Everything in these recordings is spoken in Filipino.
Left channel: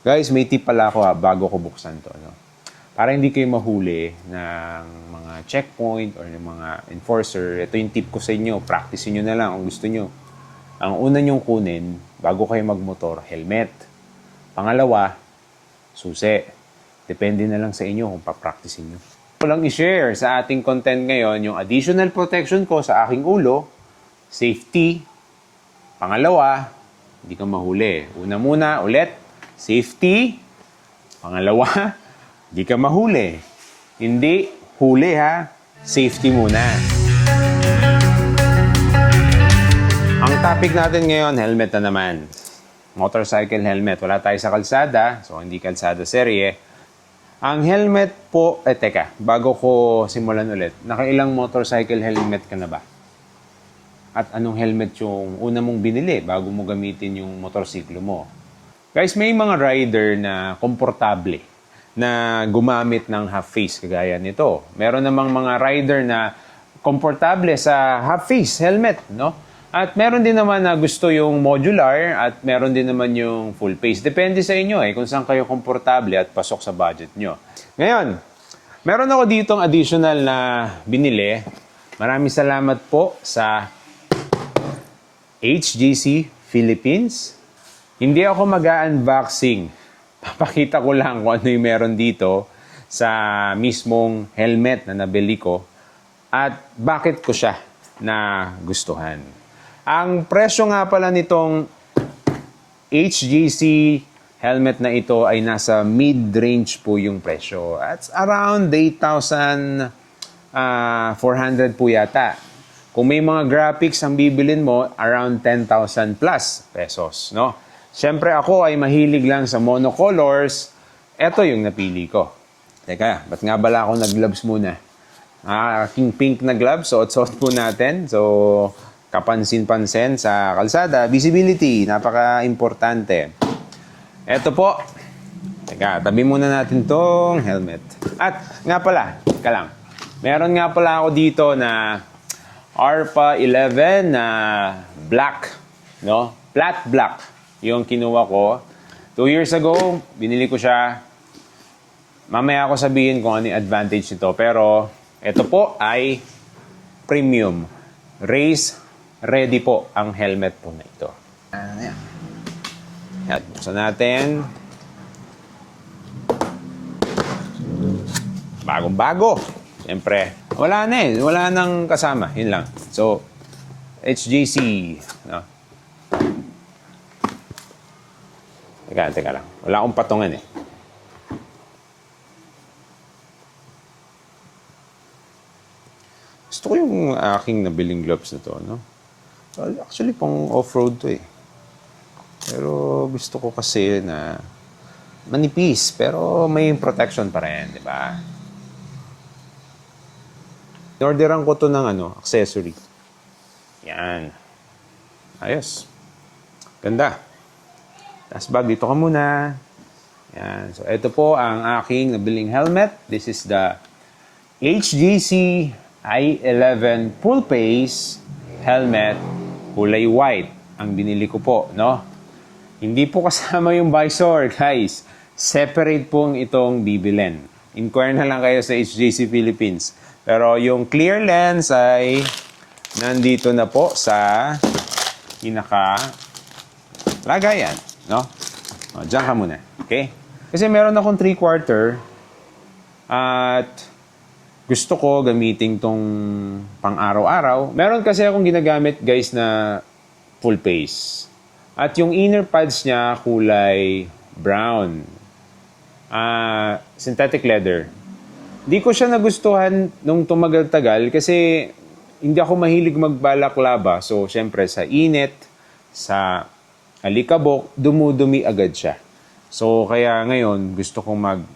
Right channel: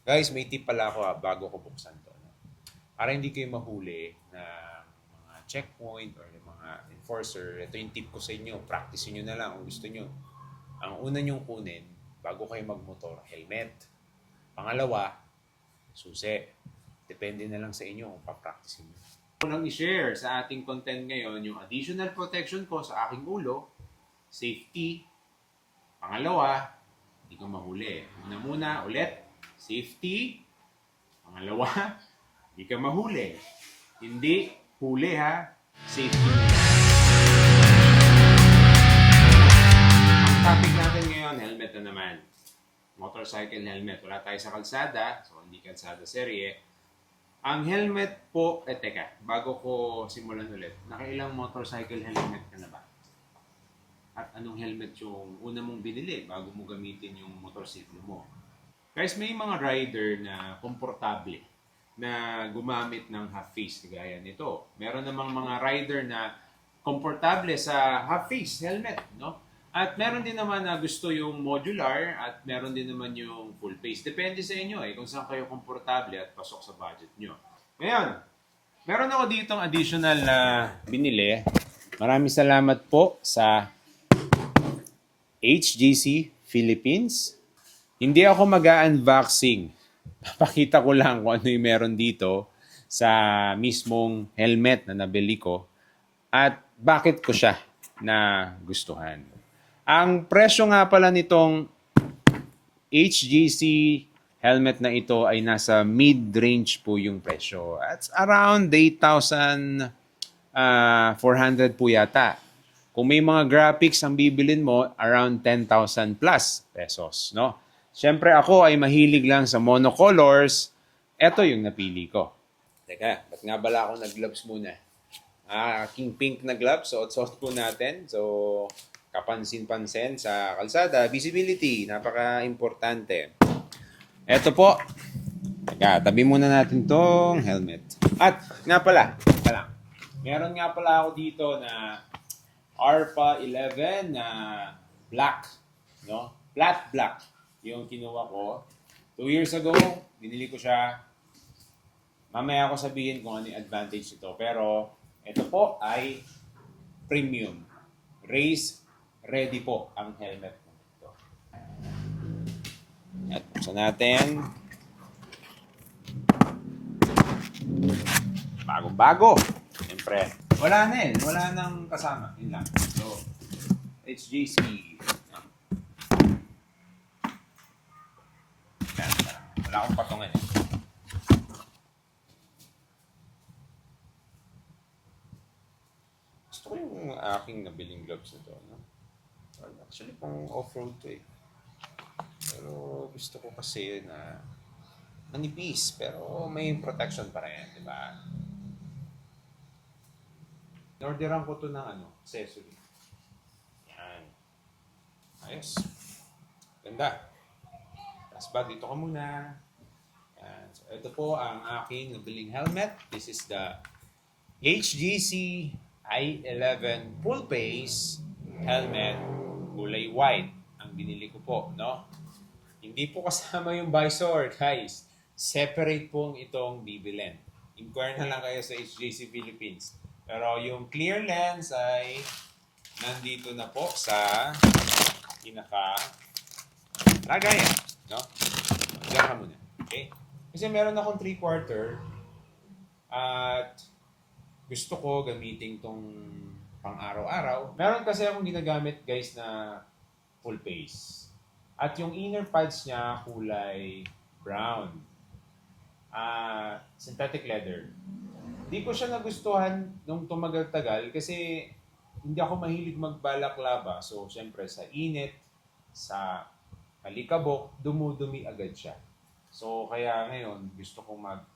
Guys, may tip pala ako bago ko buksan to. No? Para hindi kayo mahuli ng mga checkpoint or ng mga enforcer, ito yung tip ko sa inyo. Practice nyo na lang kung gusto nyo. Ang una nyong kunin, bago kayo magmotor, helmet. Pangalawa, susi. Depende na lang sa inyo kung papracticein nyo. Ko lang i-share sa ating content ngayon yung additional protection ko sa aking ulo, safety. Pangalawa, hindi ka mahuli. Una muna, ulit, safety. Pangalawa, hindi ka mahuli. Hindi huli ha, safety muna. Ang topic natin ngayon, helmet na naman. Motorcycle helmet. Wala tayo sa kalsada, so hindi kalsada serye. Ang helmet po, teka, bago ko simulan ulit, nakailang motorcycle helmet ka na ba? At anong helmet yung una mong binili bago mo gamitin yung motorsiklo mo? Guys, may mga rider na komportable na gumamit ng half-face kagaya nito. Meron namang mga rider na komportable sa half-face helmet, no? At meron din naman na gusto yung modular at meron din naman yung full face. Depende sa inyo kung saan kayo komportable at pasok sa budget nyo. Ngayon, meron ako ditong additional na binili. Maraming salamat po sa HGC Philippines. Hindi ako mag-unboxing. Papakita ko lang kung ano yung meron dito sa mismong helmet na nabili ko at bakit ko siya na gustuhan. Ang presyo nga pala nitong HGC helmet na ito ay nasa mid-range po yung presyo. At around 8,400 po yata. Kung may mga graphics ang bibilin mo, around 10,000 plus pesos, no? Siyempre ako ay mahilig lang sa monocolors. Ito yung napili ko. Teka, ba't nga bala ako nag-gloves muna? Aking pink na gloves, suot-suot po natin. So, kapansin-pansin sa kalsada. Visibility, napaka-importante. Ito po. Teka, tabi muna natin tong helmet. At nga pala, teka lang. Meron nga pala ako dito na ARPA 11 na black, no? Flat black yung kinuha ko. 2 years ago, binili ko siya. Mamaya ako sabihin kung ano yung advantage nito. Pero, ito po ay premium. Race ready po ang helmet po na ito. Ayan. Yan. Buksan natin. Bagong-bago. Siyempre, wala na wala nang kasama. Yun lang. So, HGC. No? Teka lang. Wala akong patungan Gusto ko yung aking nabiling gloves na to, no? Actually, pang off-road to Pero gusto ko kasi na manipis, pero may protection pa rin, di ba? Orderan ko to ng accessory. Yan. Ayos. Ganda. Tapos bag, dito ka muna. Yan. So, ito po ang aking nabiling helmet. This is the HGC i11 full face helmet. Kulay white. Ang binili ko po, no? Hindi po kasama yung visor, guys. Separate po itong bibilin. Inquire na lang kayo sa HGC Philippines. Pero yung clear lens ay nandito na po sa lagayan, no? O, diyan ka muna, okay? Kasi meron akong 3/4 at gusto ko gamitin tong pang-araw-araw. Meron kasi akong ginagamit, guys, na full face. At yung inner pads niya kulay brown. Synthetic leather. Di ko siya nagustuhan nung tumagal-tagal kasi hindi ako mahilig magbalaklaba. So, syempre, sa init, sa alikabok, dumudumi agad siya. So, kaya ngayon, gusto kong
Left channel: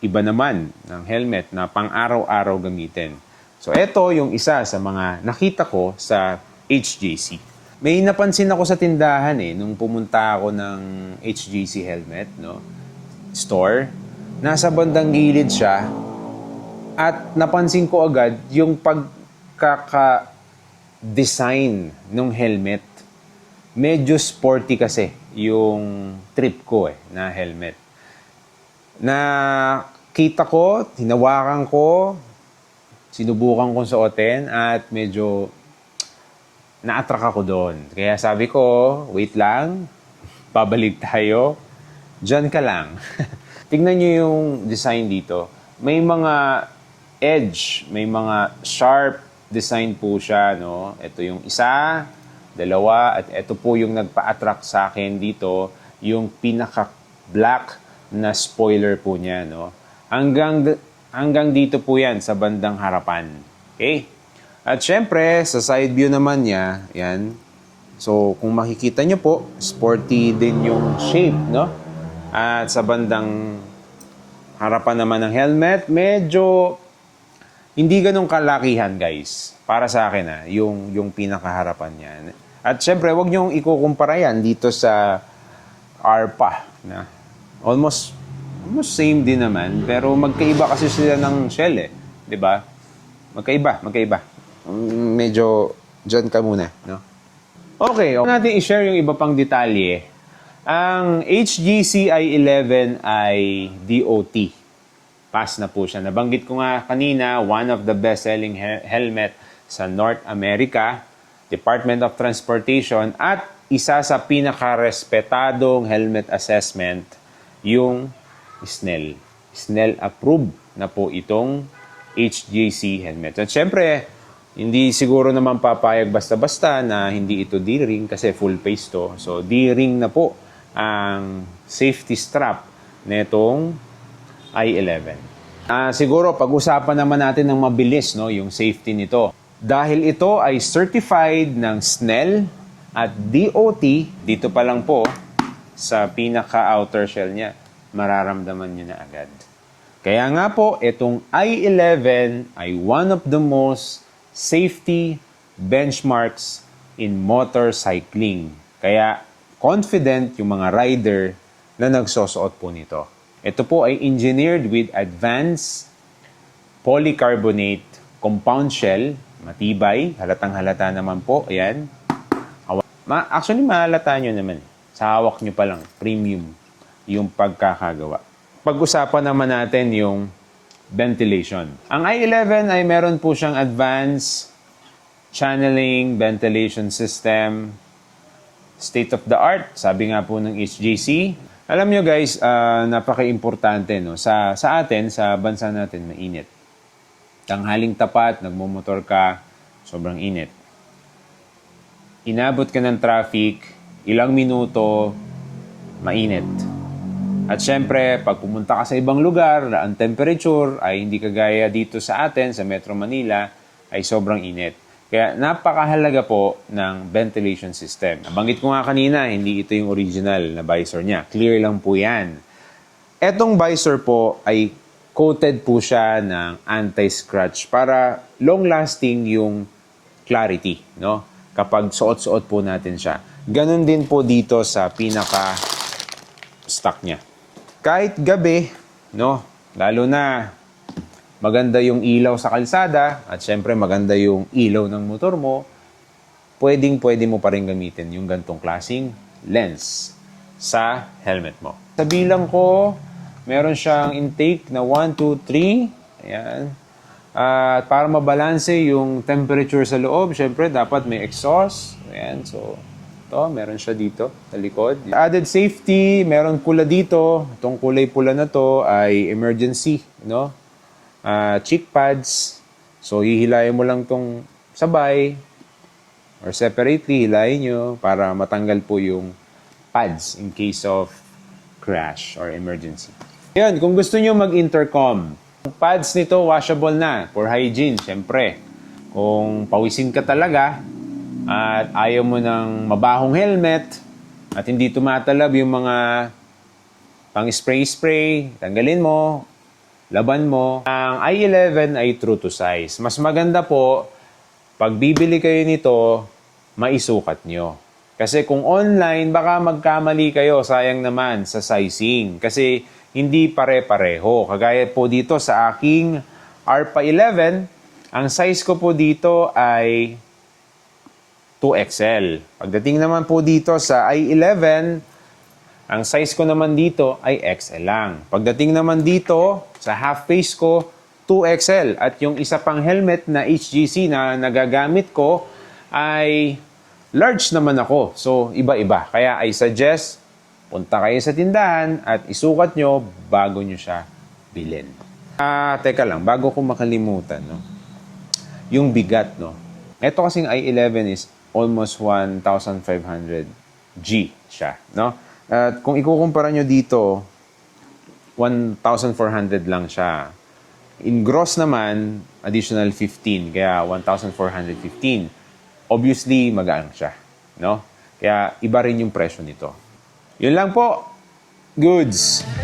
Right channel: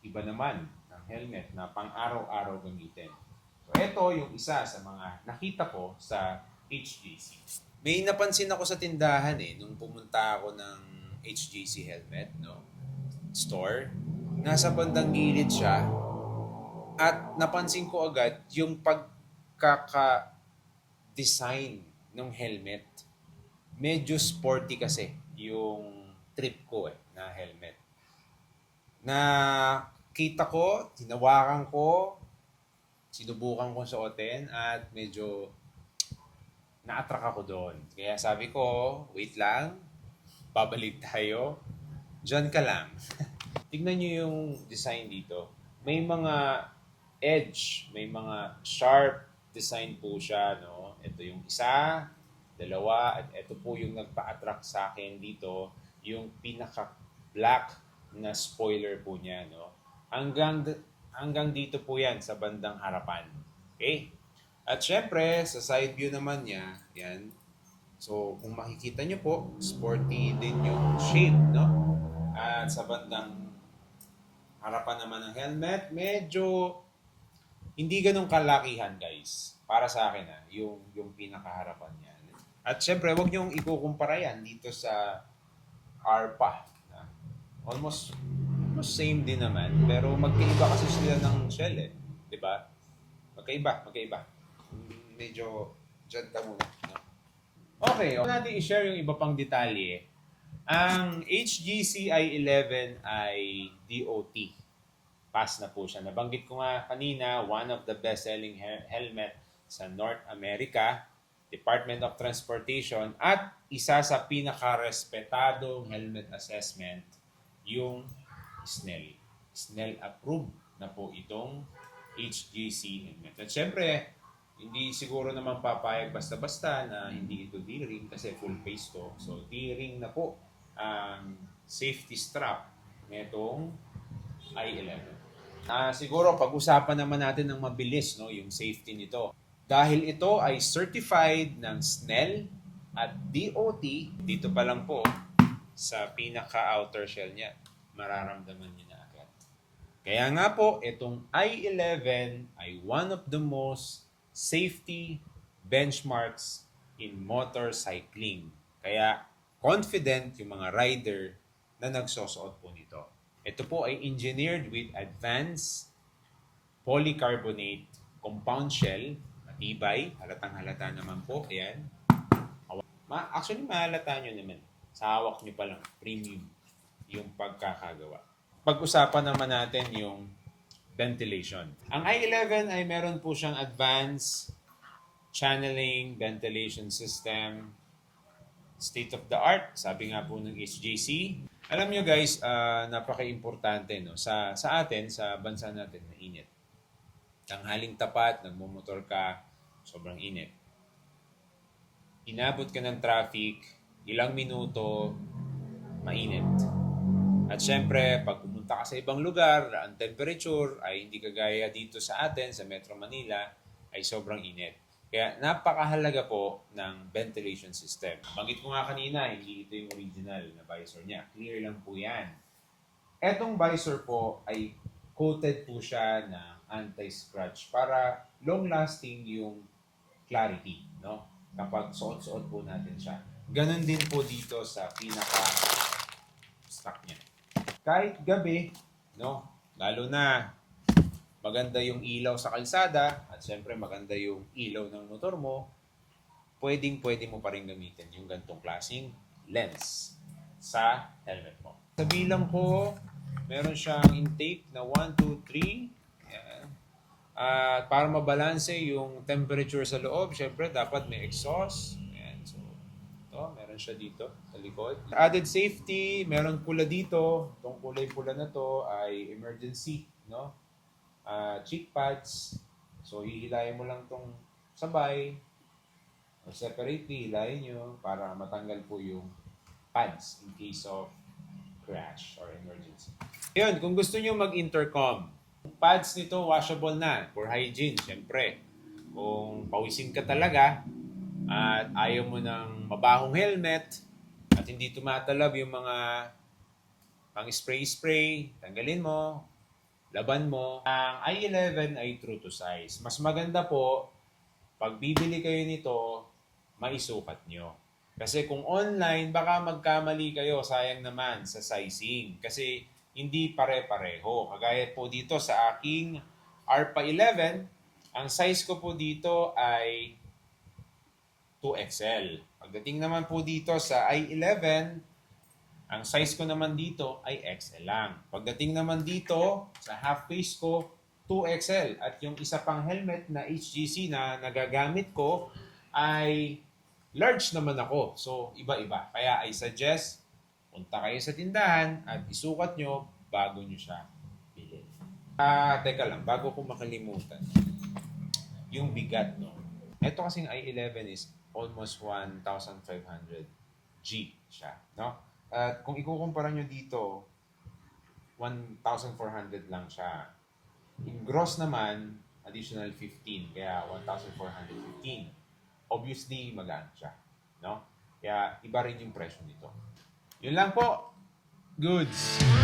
iba naman ng helmet na pang-araw-araw gamitin. So, ito yung isa sa mga nakita ko sa HGC. May napansin ako sa tindahan nung pumunta ako ng HGC helmet, no? Store. Nasa bandang gilid siya. At napansin ko agad yung pagkaka-design ng helmet. Medyo sporty kasi yung trip ko na helmet. Na kita ko, hinawakan ko, sinubukan kong suotin at medyo na-attract ako doon. Kaya sabi ko, wait lang, babalik tayo. Diyan ka lang. Tignan nyo yung design dito. May mga edge, may mga sharp design po siya. No? Ito yung isa, dalawa, at ito po yung nagpa-attract sa akin dito, yung pinaka-black na spoiler po niya. No? Hanggang dito po yan sa bandang harapan. Okay? At syempre, sa side view naman niya, yan. So, kung makikita nyo po, sporty din yung shape, no? At sa bandang harapan naman ng helmet, medyo hindi ganun kalakihan, guys. Para sa akin, yung pinakaharapan niya. At syempre, wag niyong ikukumpara yan dito sa ARPA. Na almost same din naman, pero magkaiba kasi sila ng shell, 'di ba? Magkaiba. Medyo dyan ka muna, no? Okay, natin i-share yung iba pang detalye. Ang HGC i11 ay DOT. Pass na po siya. Nabanggit ko nga kanina, one of the best-selling helmet sa North America, Department of Transportation, at isa sa pinaka-respetadong helmet assessment, yung Snell. Snell approved na po itong HGC helmet. At syempre, hindi siguro naman papayag basta-basta na hindi ito D-ring kasi full face to. So, D-ring na po ang safety strap nitong i11. Siguro, pag-usapan naman natin ng mabilis yung safety nito. Dahil ito ay certified ng Snell at DOT, dito pa lang po sa pinaka-outer shell niya, mararamdaman nyo na agad. Kaya nga po, itong i11 ay one of the most safety benchmarks in motorcycling. Kaya confident yung mga rider na nagsosuot po nito. Ito po ay engineered with advanced polycarbonate compound shell, matibay, halatang-halata naman po. Ayan. Actually, mahalata nyo naman. Sa hawak nyo pa lang, premium yung pagkakagawa. Pag-usapan naman natin yung ventilation. Ang i11 ay meron po siyang advanced channeling ventilation system, state-of-the-art, sabi nga po ng HGC. Alam nyo guys, napaka-importante. No? Sa atin, sa bansa natin, mainit. Tanghaling tapat, nagmumotor ka, sobrang init. Inabot ka ng traffic, ilang minuto, mainit. At syempre, pag pumunta ka sa ibang lugar na ang temperature ay hindi kagaya dito sa atin, sa Metro Manila, ay sobrang init. Kaya napakahalaga po ng ventilation system. Nabanggit ko nga kanina, hindi ito yung original na visor niya. Clear lang po yan. Etong visor po ay coated po siya ng anti-scratch para long-lasting yung clarity, no? Kapag suot-suot po natin siya. Ganon din po dito sa pinaka-stock niya. Kahit gabi, no? Lalo na maganda yung ilaw sa kalsada at syempre maganda yung ilaw ng motor mo, pwede mo pa rin gamitin yung gantong klaseng lens sa helmet mo. Sa bilang ko, meron siyang intake na 1, 2, 3. Ayan. At para mabalanse yung temperature sa loob, syempre dapat may exhaust. Ayan. So, ito, meron siya dito sa likod. Added safety, meron pula dito. Itong kulay pula na to ay emergency, no? Cheek pads. So, hihilayin mo lang tong sabay or separately, hilayin nyo para matanggal po yung pads in case of crash or emergency. Yan, kung gusto nyo mag-intercom, ang pads nito washable na for hygiene, syempre. Kung pawisin ka talaga at ayaw mo ng mabahong helmet at hindi tumatalab yung mga pang-spray-spray, tanggalin mo, laban mo. Ang i11 ay true to size. Mas maganda po, pag bibili kayo nito, maisukat nyo. Kasi kung online, baka magkamali kayo, sayang naman sa sizing. Kasi hindi pare-pareho. Kagaya po dito sa aking ARPA 11, ang size ko po dito ay 2XL. Pagdating naman po dito sa i11, Ang size ko naman dito ay XL lang. Pagdating naman dito, sa half face ko, 2XL. At yung isa pang helmet na HGC na nagagamit ko ay large naman ako. So, iba-iba. Kaya I suggest, punta kayo sa tindahan at isukat nyo bago nyo siya bilhin. Teka lang, bago ko makalimutan, no? Yung bigat, no? Ito kasing i11 is almost 1,500 G siya, no? At kung ikukumpara nyo dito, 1,400 lang siya. In gross naman, additional 15, kaya 1,415. Obviously, magaan siya, no? Kaya iba rin yung presyo nito. Yun lang po. Goods!